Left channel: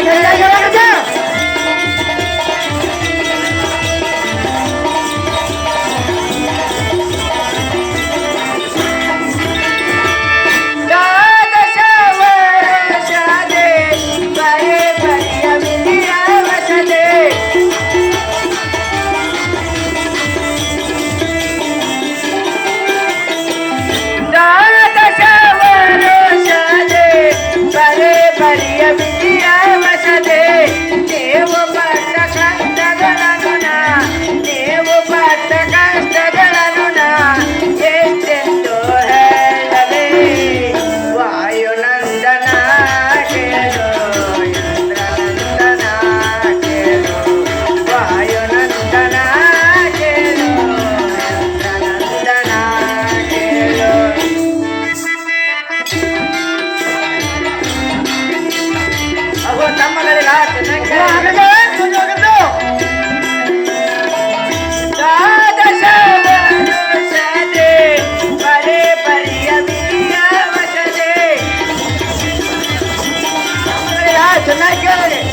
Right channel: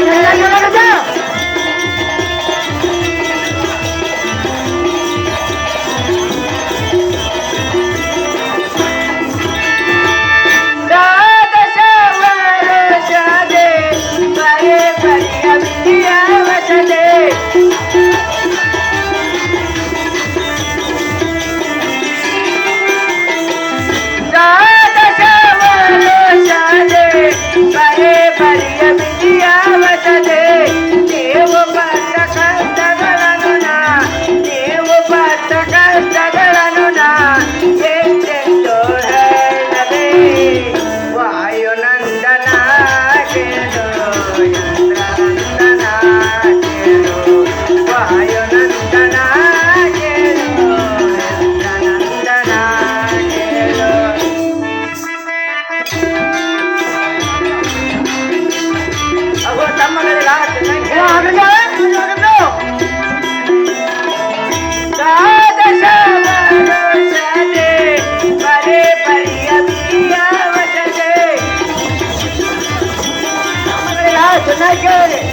Yeah. Jamaica.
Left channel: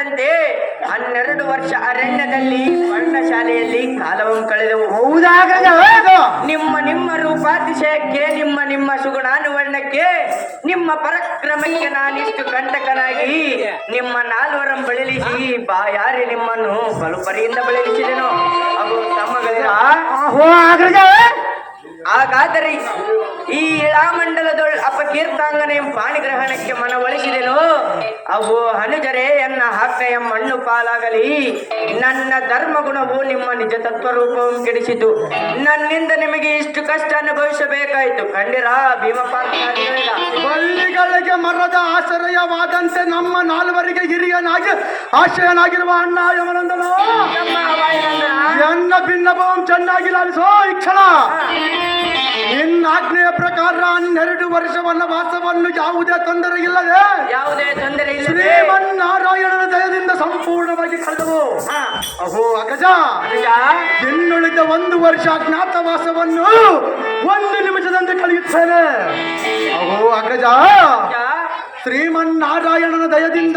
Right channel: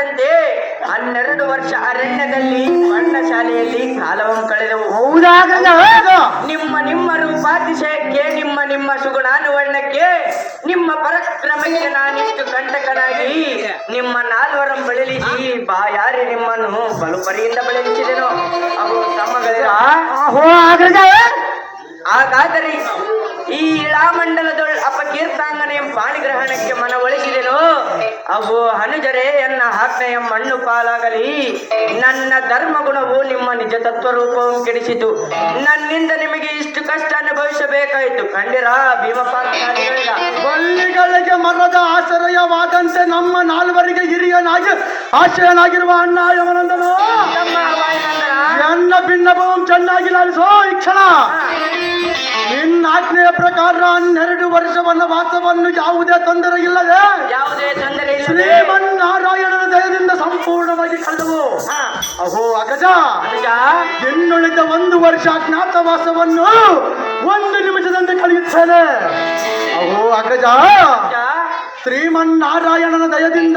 ನೇಮದಂತೆ ಹನ್ನೆರಡು ವರ್ಷ ಅರಣ್ಯದಲ್ಲಿ ಬಣ್ಣ ಶಾಲೆಯಲ್ಲಿ ಕಾಲವನ್ನು ಕಳೆದವು. ನಿಮ್ಮ ನಿಮ್ಮ ರೂಪಾತಿಶಯಕ್ಕೆ ನಿಮ್ಮ ನಿಮ್ಮ ಸುಗುಣಾನುವರ್ಣಕ್ಕೆ ನಿಮ್ಮ ಪರಕ್ರಮಕ್ಕೆ ನಾನಿಷ್ಟು ಕಂಟಕನಾಗಿ ನಿಮ್ಮ ನಾಲ್ವರಂ ಬಳಲಿಸಿ ಬಾಯಾರಿ ನಿಮ್ಮನ್ನು ಬಲುಪರಿಯಿಂದ ಬಳಲಿಸಿದೆನು. ಹಾಗಾದರೆ ಈ ಇಳಾಮಂಡಲದೊಳ ಅಪಕೀರ್ತಾಂಗನೆ ಪಾಣಿಗ್ರಹಣಕ್ಕೆ ಮನವೊಲಿಸಿದೆನು ಅವು ಹನುಜರೇ ಎನ್ನ ಮಣ್ಣು ಪಾಲಾಗಲಿ. ನನ್ನ ಧರ್ಮ ಗುಣವು ನಿಮ್ಮ ನಿಜ ತತ್ವ ರೂಪವು ಕೆಡಿಸಿತು. ನನ್ನಿಂದ ನಿಮಗೆ ಇಷ್ಟು ಕಷ್ಟ ಅನುಭವಿಸಬೇಕಾಯಿತು. ಕಂಡಿರಾ ಬಳ್ಳಿಗಳಿಗೆ ಮರದ ಆಶ್ರಯವಾದಂತೆ ನಮ್ಮ ನಾಲ್ವರಿಗೆ ಹಿರಿಯನಾಗಿ, ಆಶ್ರಯನಾಗಿರುವ ಅಣ್ಣ ಎನ್ನ ಭಿನ್ನಭವಂ ಚೆನ್ನಾಗಿ ಲಾಲಿಸೋ ಈ ಕ್ಷಣ. ನಿನ್ನ ಆಜ್ಞೆಯ ಪ್ರಕಾರ ಹನ್ನೆರಡು ವರ್ಷ ವಾಸವನ್ನು ಯಾವುದೇ ತೊಂದರೆ ಇಲ್ಲದೆ ಯಾವುದೇ ತೊಂದರೆ ಶ್ರೀಮನ್ನಾರಾಯಣನ ದಯದಿಂದ ಸಂಪೂರ್ಣವಾಗಿ ಕಳೆದವು. ಅಹೋ ಅಗಜ? ಇನ್ನುಳಿದ ಒಂದು ವರ್ಷ ಅಜ್ಞಾತವಾಸವನ್ನು ಒಂದು ನಿಮಿಷದಂತೆ ಕಳೆಯುತ್ತೇನೆ. ಅಹೋ ಅಗಜ. ಶ್ರೀಮನ್ನಾರಾಯಣನ ದಯದಿಂದ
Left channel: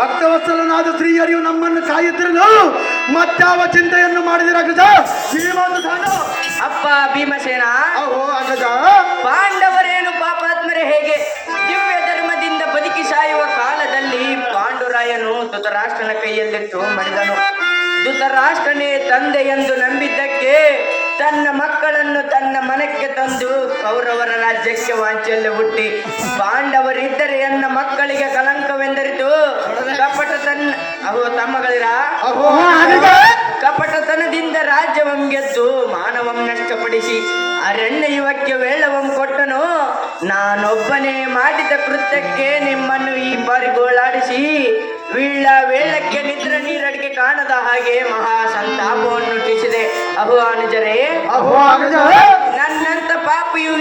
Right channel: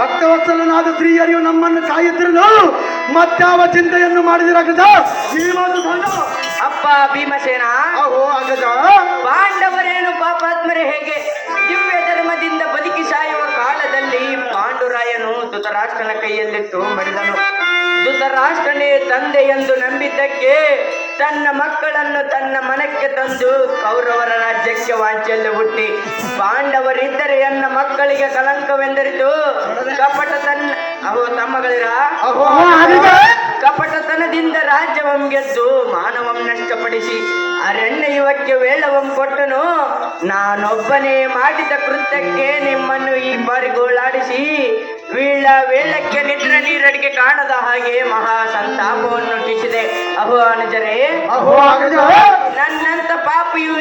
ಭಕ್ತವತ್ಸಲನಾದ ಸ್ತ್ರೀಯರಿಯು ನಮ್ಮನ್ನು ಕಾಯುತ್ತಿರಲು ಮತ್ತಾವ ಚಿಂತೆಯನ್ನು ಮಾಡಿದಿರ ಅಗಜ? ಈ ಮಾತು ಅಪ್ಪ ಭೀಮಸೇನ. ಅಹೋ ಅಗಜ. ಪಾಂಡವರೇನು ಪಾಪಾತ್ಮರೇ ಹೇಗೆ? ದಿವ್ಯ ಧರ್ಮದಿಂದ ಬದುಕಿ ಸಾಯುವ ಕಾಲದಲ್ಲಿ ಪಾಂಡುರಾಯನು ಧೃತರಾಷ್ಟ್ರನ ಕೈಯಲ್ಲಿಟ್ಟು ಮಡಿದನು ಧೃತರಾಷ್ಟ್ರನೇ ತಂದೆ ಎಂದು ನಂಬಿದ್ದಕ್ಕೆ ತನ್ನ ಮಕ್ಕಳನ್ನು ತನ್ನ ಮನಕ್ಕೆ ತಂದು ಕೌರವರ ರಾಜ್ಯಕ್ಕೆ ವಾಂಚಲ್ಯ ಹುಟ್ಟಿ. ಪಾಂಡವರಿದ್ದರೆ ಎನ್ನ ಮಕ್ಕಳಿಗೆ ಕಲಂಕವೆಂದರಿತು? ಕಪಟ ತನ್ನ ಅಹೋ ತಮ್ಮಗಳಿರ ಕಪಟತನದಿಂದ ರಾಜ್ಯವಂ ಗೆದ್ದು ಮಾನವಂ ನಷ್ಟಪಡಿಸಿ ಅರಣ್ಯ ಯುವಕ್ಕೆ ಕೊಟ್ಟನು ನಾನೊಬ್ಬನೇ ಮಾಡಿದ ಕೃತ್ಯಕ್ಕೆ ನಿಮ್ಮನ್ನು ಈ ಬಾರಿ ಗೋಳಾಡಿಸಿ ವೀಳ ವೇಳಕ್ಕೆ ನಿದ್ರೆ ನೀರಡಿಗೆ ಕಾಣದ ಹಾಗೆ ಮಹಾ ಸಂತಾಪವನ್ನು ಹುಟ್ಟಿಸಿದೆ ಅಹೋ ಅನುಜರೇ ಅಹೋ ನನ್ನಂತ ಪಾಪಿಯು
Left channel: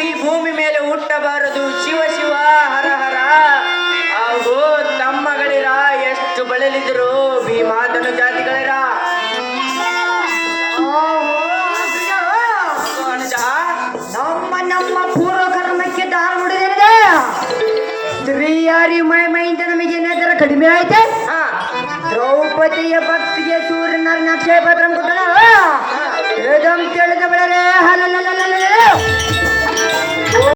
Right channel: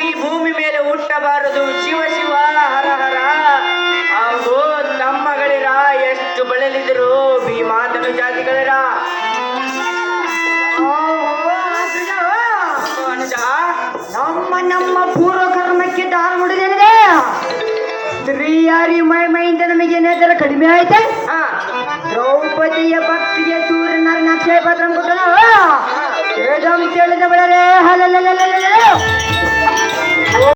ಏನಾದರೂ ಕಡಿಮೆ ಆಯ್ತೆ ಹಾ. ದ್ರೌಪದಿಯ ಭಕ್ತಿಗೆ ಸೂರ್ಯನ ನಕ್ಷೇಪತ್ರ ಗೊತ್ತನ ತಿಳಿದ ಬೆಳರೆ ಹಲಲಲಲಲ